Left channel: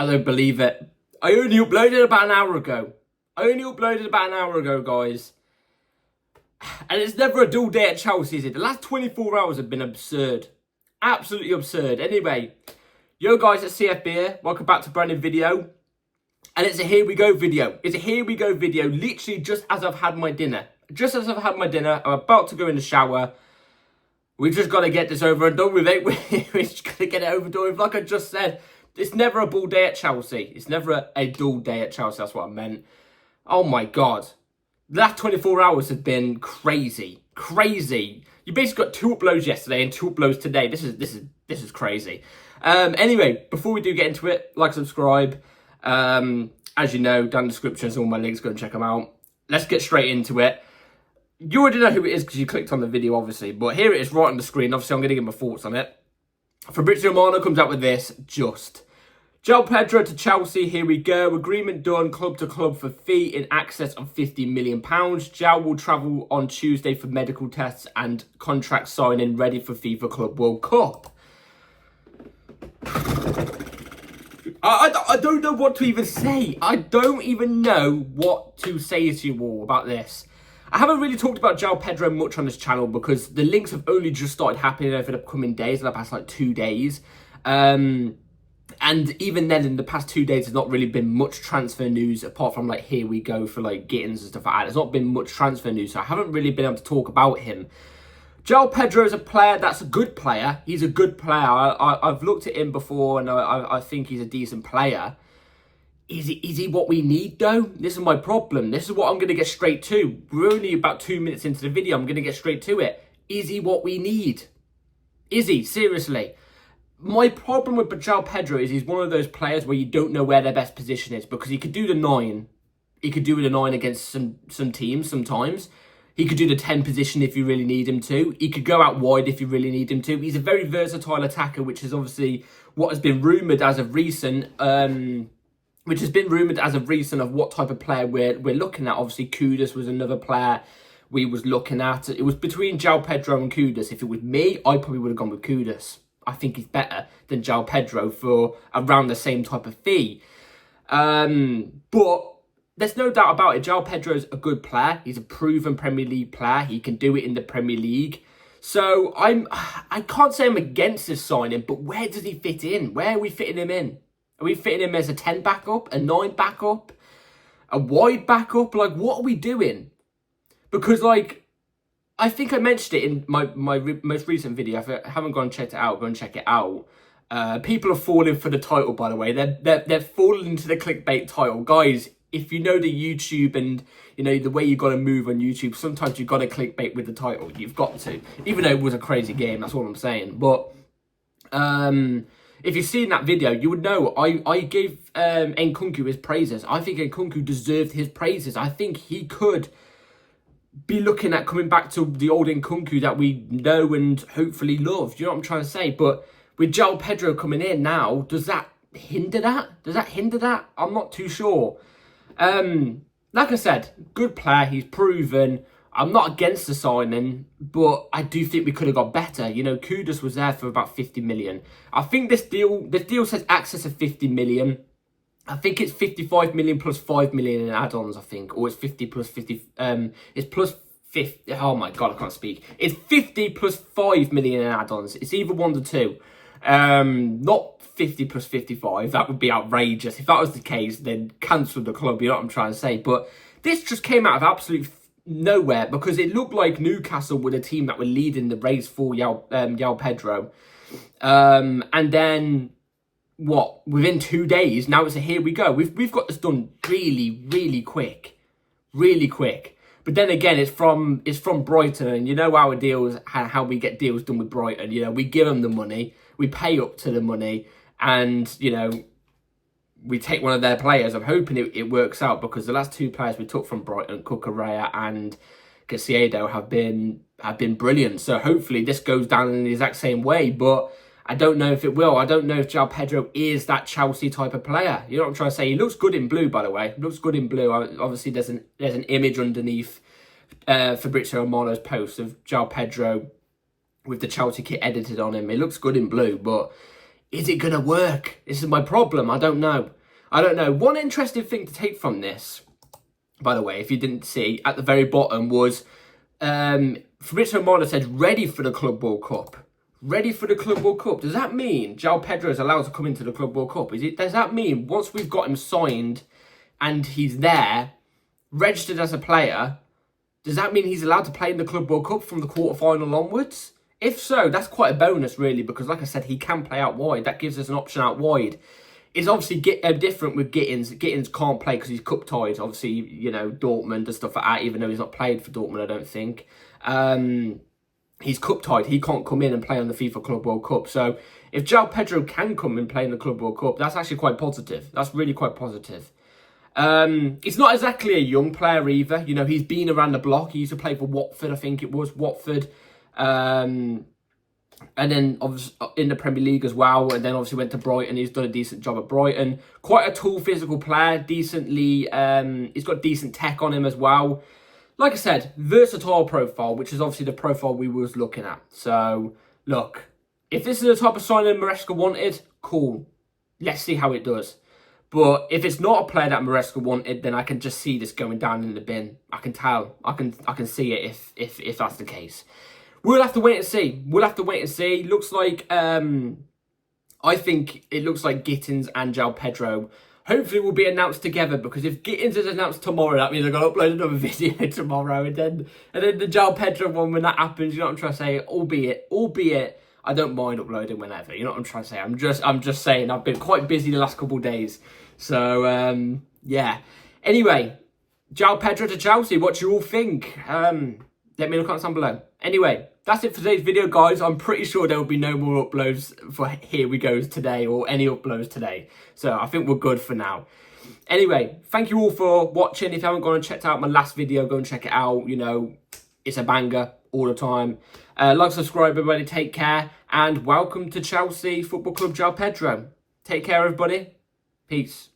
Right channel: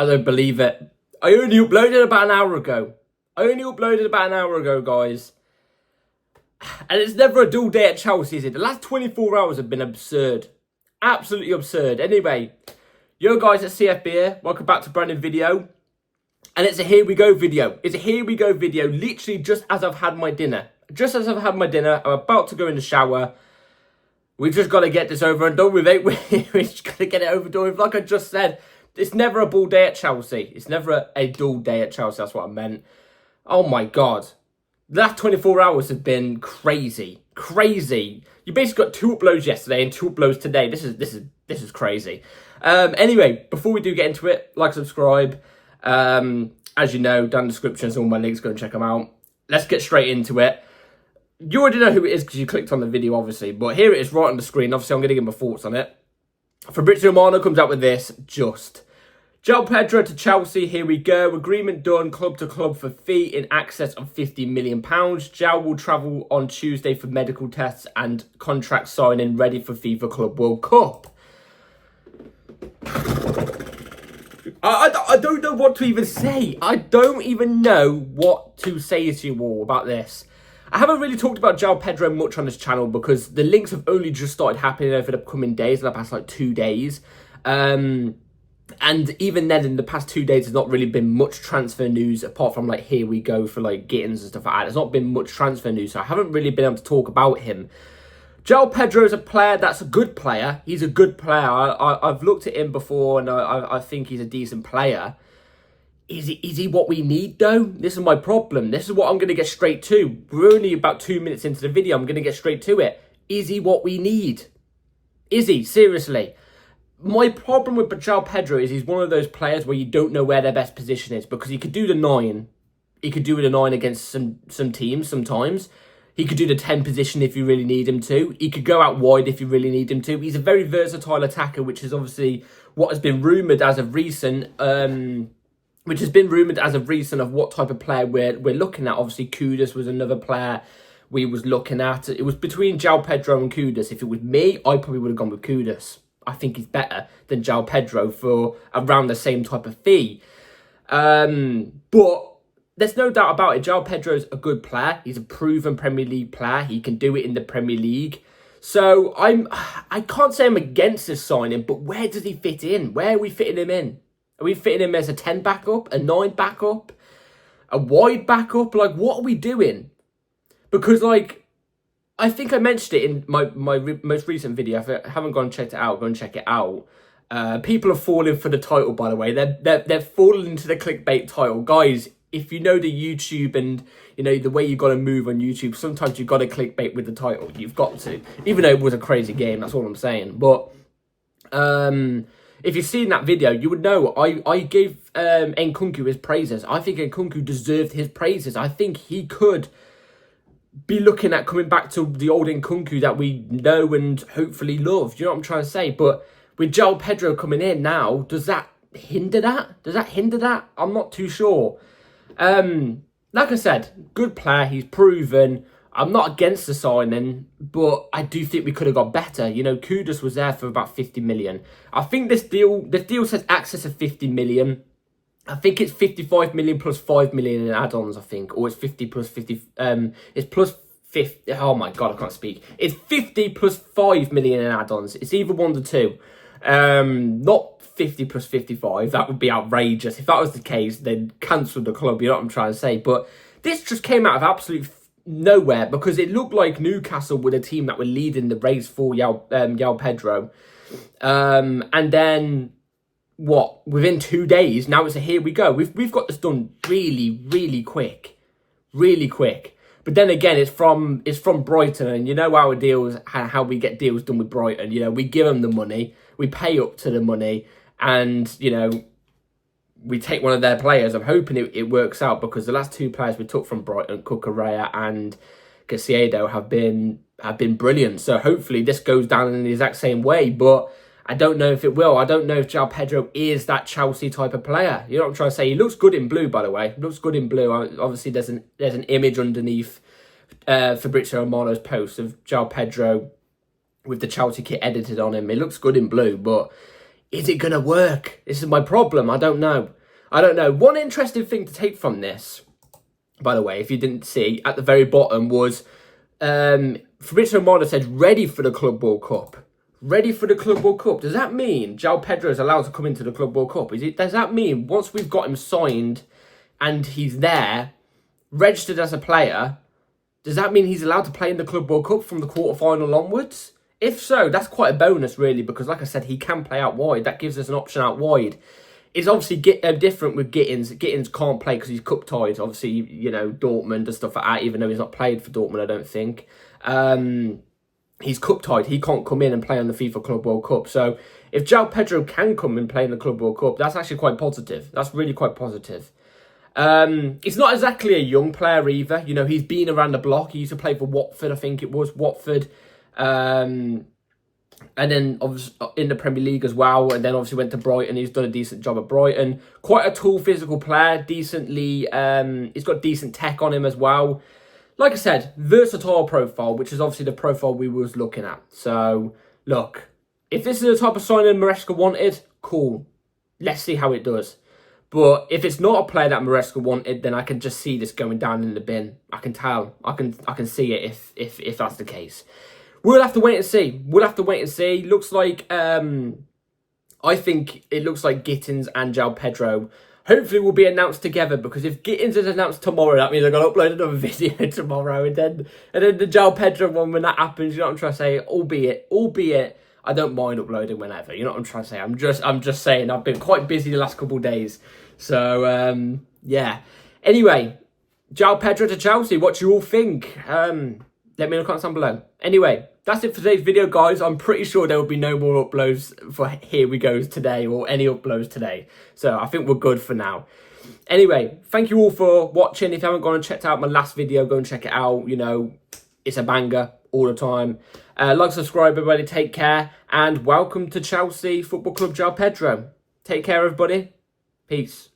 I don't believe it. I only uploaded about an hour ago. Guys. And it's never a dull day at Chelsea, is it? The last 24 hours have been absurd. Absolutely absurd. Anyway, yo guys at CFB here. Welcome back to a brand new video. And it's a here we go video. Literally just as I've had my dinner. I'm about to go in the shower. We just got to get this over and done with it. We just got to get it over and done with. Like I just said, it's never a dull day at Chelsea. It's never a dull day at Chelsea. That's what I meant. Oh my God. The last 24 hours have been crazy. You basically got 2 uploads yesterday and 2 uploads today. This is crazy. Anyway, before we do get into it, like, subscribe. As you know, down in the description is all my links. Go and check them out. Let's get straight into it. You already know who it is because you clicked on the video, obviously. But here it is right on the screen. Obviously, I'm going to give my thoughts on it. Fabrizio Romano comes out with this. Joao Pedro to Chelsea. Here we go. Agreement done. Club to club for fee in excess of £50 million. Joao will travel on Tuesday for medical tests and contract signing ready for FIFA Club World Cup. I don't know what to even say. I don't even know what to say to you all about this. I haven't really talked about Joao Pedro much on this channel because the links have only just started happening over the coming days, in the past like 2 days. And even then, in the past 2 days, there's not really been much transfer news apart from like here we go for like Gittins and stuff like that. There's not been much transfer news, so I haven't really been able to talk about him. Joao Pedro is a player that's a good player. He's a good player. I've looked at him before and I think he's a decent player. Is he what we need, though? This is my problem. This is what I'm going to get straight to. We're only about 2 minutes into the video. I'm going to get straight to it. Is he what we need? Is he? Seriously. My problem with Joao Pedro is he's one of those players where you don't know where their best position is because he could do the 9. He could do the 9 against some teams sometimes. He could do the 10 position if you really need him to. He could go out wide if you really need him to. He's a very versatile attacker, which is obviously what has been rumoured as of recent. Of what type of player we're looking at. Obviously, Kudus was another player we was looking at. It was between Joao Pedro and Kudus. If it was me, I probably would have gone with Kudus. I think he's better than Joao Pedro for around the same type of fee. But there's no doubt about it. Joao Pedro's a good player. He's a proven Premier League player. He can do it in the Premier League. So I can't say I'm against this signing, but where does he fit in? Where are we fitting him in? Are we fitting him as a 10 backup, a 9 backup, a wide backup? Like, what are we doing? Because, like, I think I mentioned it in my most recent video. If you haven't gone and checked it out, go and check it out. People are falling for the title, by the way. They're falling into the clickbait title. Guys, if you know the YouTube and, you know, the way you got to move on YouTube, sometimes you've got to clickbait with the title. You've got to. Even though it was a crazy game, that's all I'm saying. But, if you've seen that video, you would know I gave Nkunku his praises. I think Nkunku deserved his praises. I think he could be looking at coming back to the old Nkunku that we know and hopefully love. Do you know what I'm trying to say? But with Joao Pedro coming in now, does that hinder that? I'm not too sure. Like I said, good player. He's proven. I'm not against the signing, but I do think we could have got better. You know, Kudus was there for about 50 million. I think this deal says access of 50 million. I think it's 55 million plus 5 million in add-ons, I think. Or it's 50 plus 50. It's plus 50. Oh my God, I can't speak. It's 50 plus 5 million in add-ons. It's either 1 to 2. Not 50 plus 55. That would be outrageous. If that was the case, then cancel the club. You know what I'm trying to say? But this just came out of absolute nowhere because it looked like Newcastle were the team that were leading the race for Joao Pedro. And then, what? Within 2 days, now it's a here we go. We've got this done really quick. But then again, it's from Brighton, and you know our deals, how we get deals done with Brighton. You know, we give them the money, we pay up to the money, and you know, we take one of their players. I'm hoping it works out because the last 2 players we took from Brighton, Cucurella and Caicedo, have been brilliant. So hopefully this goes down in the exact same way. But I don't know if it will. I don't know if Joao Pedro is that Chelsea type of player. You know what I'm trying to say? He looks good in blue, by the way. He looks good in blue. Obviously, there's an image underneath Fabrizio Romano's post of Joao Pedro with the Chelsea kit edited on him. It looks good in blue, but Is it going to work? This is my problem. I don't know. I don't know. One interesting thing to take from this, by the way, if you didn't see, at the very bottom was Fabrizio Romano said, ready for the Club World Cup. Ready for the Club World Cup. Does that mean Joao Pedro is allowed to come into the Club World Cup? Does that mean once we've got him signed and he's there, registered as a player, does that mean he's allowed to play in the Club World Cup from the quarterfinal onwards? If so, that's quite a bonus, really, because like I said, he can play out wide. That gives us an option out wide. It's obviously different with Gittins. Gittins can't play because he's cup tied. Obviously, you know, Dortmund and stuff like that, even though he's not played for Dortmund, I don't think. He's cup tied. He can't come in and play on the FIFA Club World Cup. So if Joao Pedro can come and play in the Club World Cup, that's actually quite positive. That's really quite positive. He's not exactly a young player either. You know, he's been around the block. He used to play for Watford, I think it was. Watford. And then obviously in the Premier League as well. And then obviously went to Brighton. He's done a decent job at Brighton. Quite a tall physical player. Decently, he's got decent tech on him as well. Like I said, versatile profile, which is obviously the profile we was looking at. So, look, if this is the type of signing Maresca wanted, cool. Let's see how it does. But if it's not a player that Maresca wanted, then I can just see this going down in the bin. I can tell. I can see it if that's the case. We'll have to wait and see. We'll have to wait and see. Looks like I think it looks like Gittins and Joao Pedro hopefully will be announced together, because if Gittins is announced tomorrow, that means I've got to upload another video tomorrow, and then the Joao Pedro one, when that happens, you know what I'm trying to say? Albeit I don't mind uploading whenever. You know what I'm trying to say? I'm just saying I've been quite busy the last couple of days. So yeah. Anyway, Joao Pedro to Chelsea. What do you all think? Let me know in the comments down below. Anyway, that's it for today's video, guys. I'm pretty sure there will be no more uploads for Here We Goes today, or any uploads today. So I think we're good for now. Anyway, thank you all for watching. If you haven't gone and checked out my last video, go and check it out. You know, it's a banger all the time. Like, subscribe, everybody. Take care. And welcome to Chelsea Football Club, Joao Pedro. Take care, everybody. Peace.